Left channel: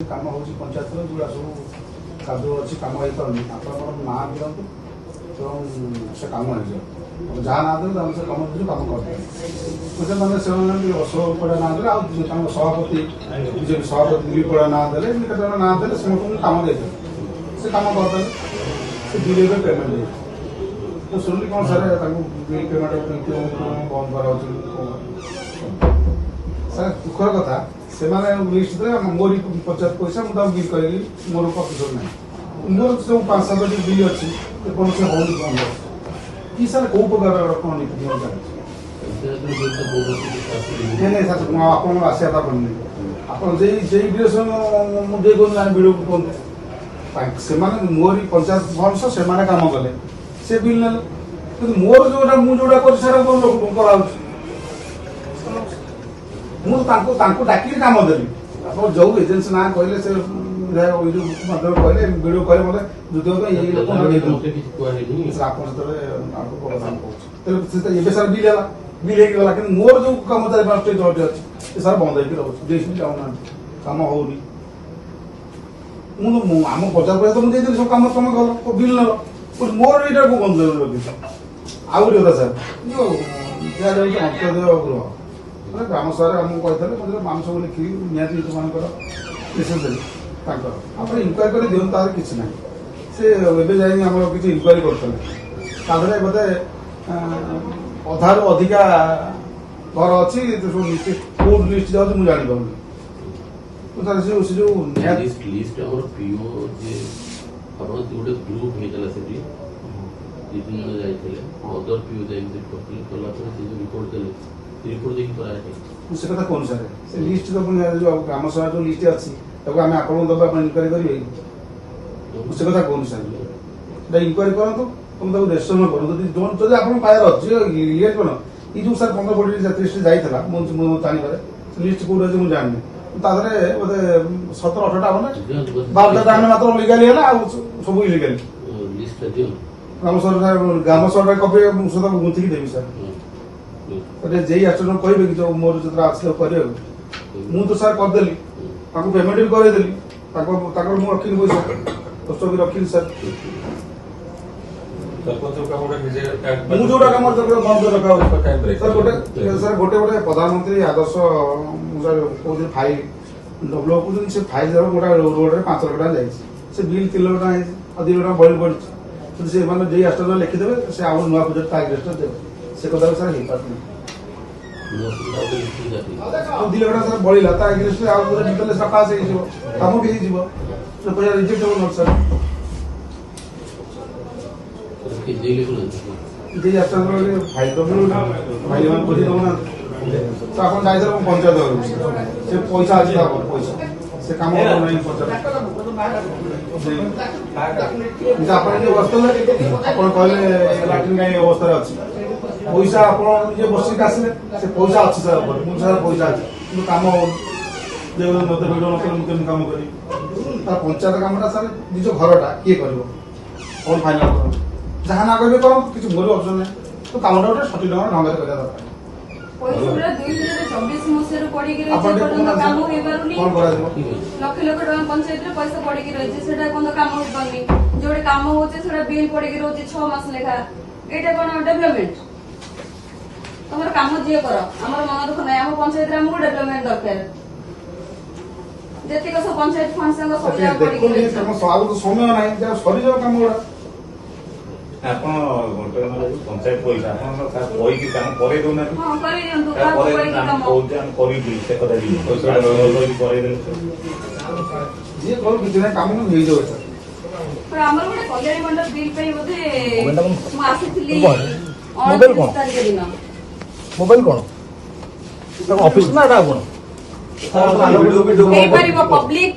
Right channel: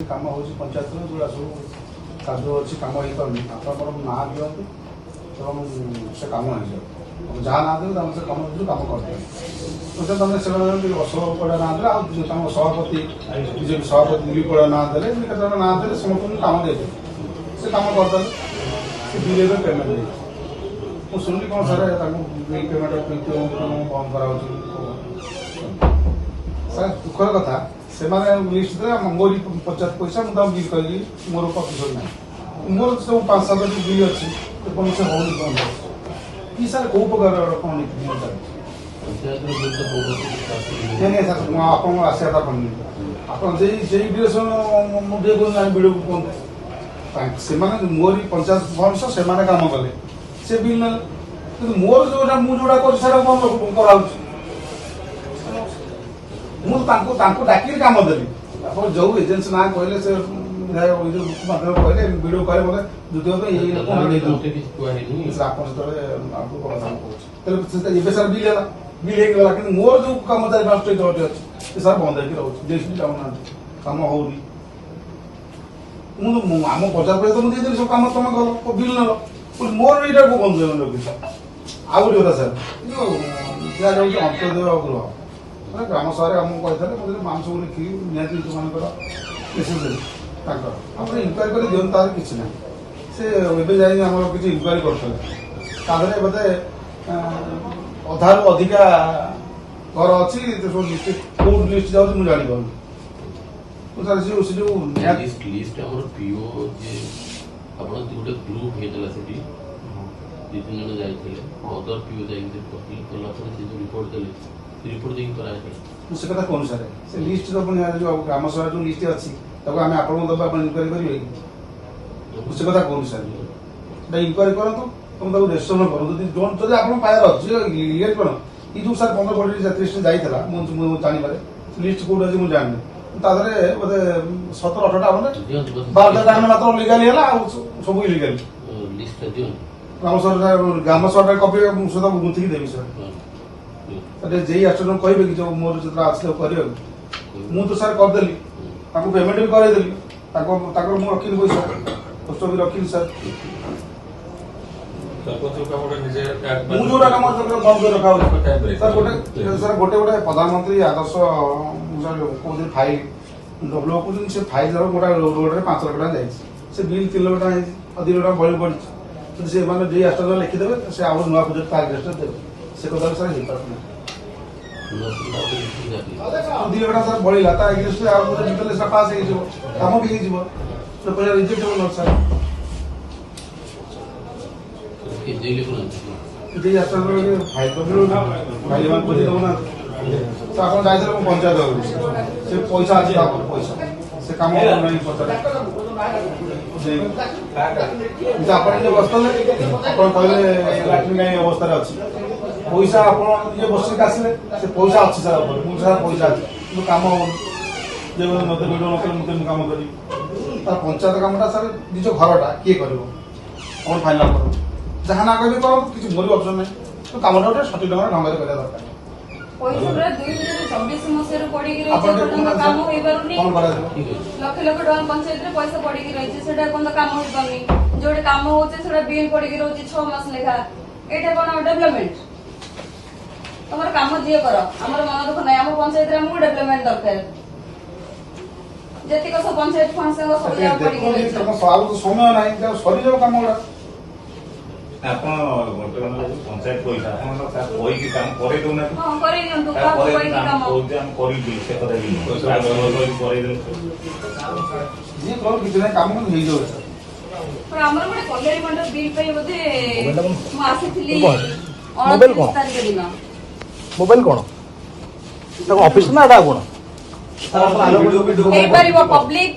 काम हो पंचायत जो सब कादुआ अच्छी कम हो पार ना दिखाँ से कम हो जहाँ ना दे से कम कम करते मैंने से अशोक पड़ा ना दे सभापति बीजेपी सभापति दिलीप पड़ा ना दे ना दे समस्त कम दे से कम करते से बिल पेमेंट दे तो शुणिली कौन सर बिल पेमेंट बंद करा सर दुखर कथा से लिस्ट मोर पंचायत पैसा मुझे बिल कहली मोर प्रतिशत ना मोर सब 5-7 बिल अच्छी कौन से हो सर कौ प्रकार कौन नहीं सर आप आशा पड़नी आप बिल मुझे बिल से मोर पंचायत भविष्य से कम कले से बिल ना मोर जो मुझे कर कराऊँ मुझे डाक कम देवी आप जो एजेन्सी ना कहले से कहले वीडियो कहले मतलब द्वितीय सर बिल है बिल होगा कि मोर जो कम अच्छे सर बंद होती जाऊना कम होनी आम बजार पर तो मुझे सब कम तुम कल बिल नल मोर ये बंद रखी आउ गोटे सर अंत्योदय गृह ग्राम सभा आमको कहते हैं मांस लिखी निहती मेसेज देली आप इनक्वारी कर दिखाँ तार कि ना से किसी इनक्वारी करते बोधे अधारू अधिका घर अच्छी कौ लिस्ट जाऊँ मुझे जानी पाऊँ से जो से कथा कौन सर से लिस्ट तो ग्राम सभा जो लिस्ट अच्छी आम आप इनक्वारी करेंगे से कथा कौन सर इनक्वारी करूँ तुम रेस्टोरेंट करूँ जब आप पायर अच्छे ये कौन ये जो सर 15-20 लिस्ट जाइए मुझे जानवर लिस्ट कौट अच्छे मुझे जानी बोधे 17-18टा बोले 12टा जान मात्र लिगाली है सब इलिगाली ग्राम सभा कपी सहित गुंथिकी देवी सर जे आसने कहे कि जो मोर जो आसले कर तो सर करदेली पेमेंट भी करदेली मुझे रखी पैसा खर्च भी रखी सर मुझे कम बंद कर रखा सर गोटे गोटे प्रधानमंत्री आदर्श कौन फाइल लोग कहते से फाइल जब गोटे रोड में 5 लाख टका जाए बिल 3 लाख टका अधिक टका बढ़ी पड़ी से जे आसने लिखिदेवे से आउ नुआ प्रोजेक्ट एग्रेस्ट देवे से कथा सर हो पार्टी 2 लाख सर बढ़ला तार एग्रेस्ट डिटेल्स पास हो कम भी पैसा रिजेक्ट हो सर फाइल तो फाइल बुझे आप जाइए पंचायत से पैसा अच्छे पैसा से कम नहीं पचार आप बसते आप कहले लाट्रिन अवस्था अच्छी पैसा आप बसिक आसले से पैसा अच्छी सर मुझे सर पैसा अच्छी कम मत वीडियो मुझे कम करी पंचायत कमटा सर निज घरटा किए कर कौन फाइनाल कर जहाँ ना कहे करो किसी मोर ऑप्शन नहीं तो कमटा गोटे सठिक ढंग ढंग करवा दरकार लक्ष लक्ष टका पंचायत पैसा पड़ी रही है कम होनी जो कम होते बिल पड़ी रही 6 मास लेखा यहाँ कौन डेभलपमेंट तुम कम जी कर आम मन दुख ना आम पंचायत आमको डेभलपमेंट दरकार जी सब पंचायत फंड समय ना सरी कम गुड़ा पंचायत पैसा काम करे दौना जी कौन किसी कम नहीं जाए आमर गोटे कल्याण मंडल बिल पे बोधे आसी 29 तारीख दिन मोबाइल कौन ऑफिस ना कौन पब्लिक पब्लिक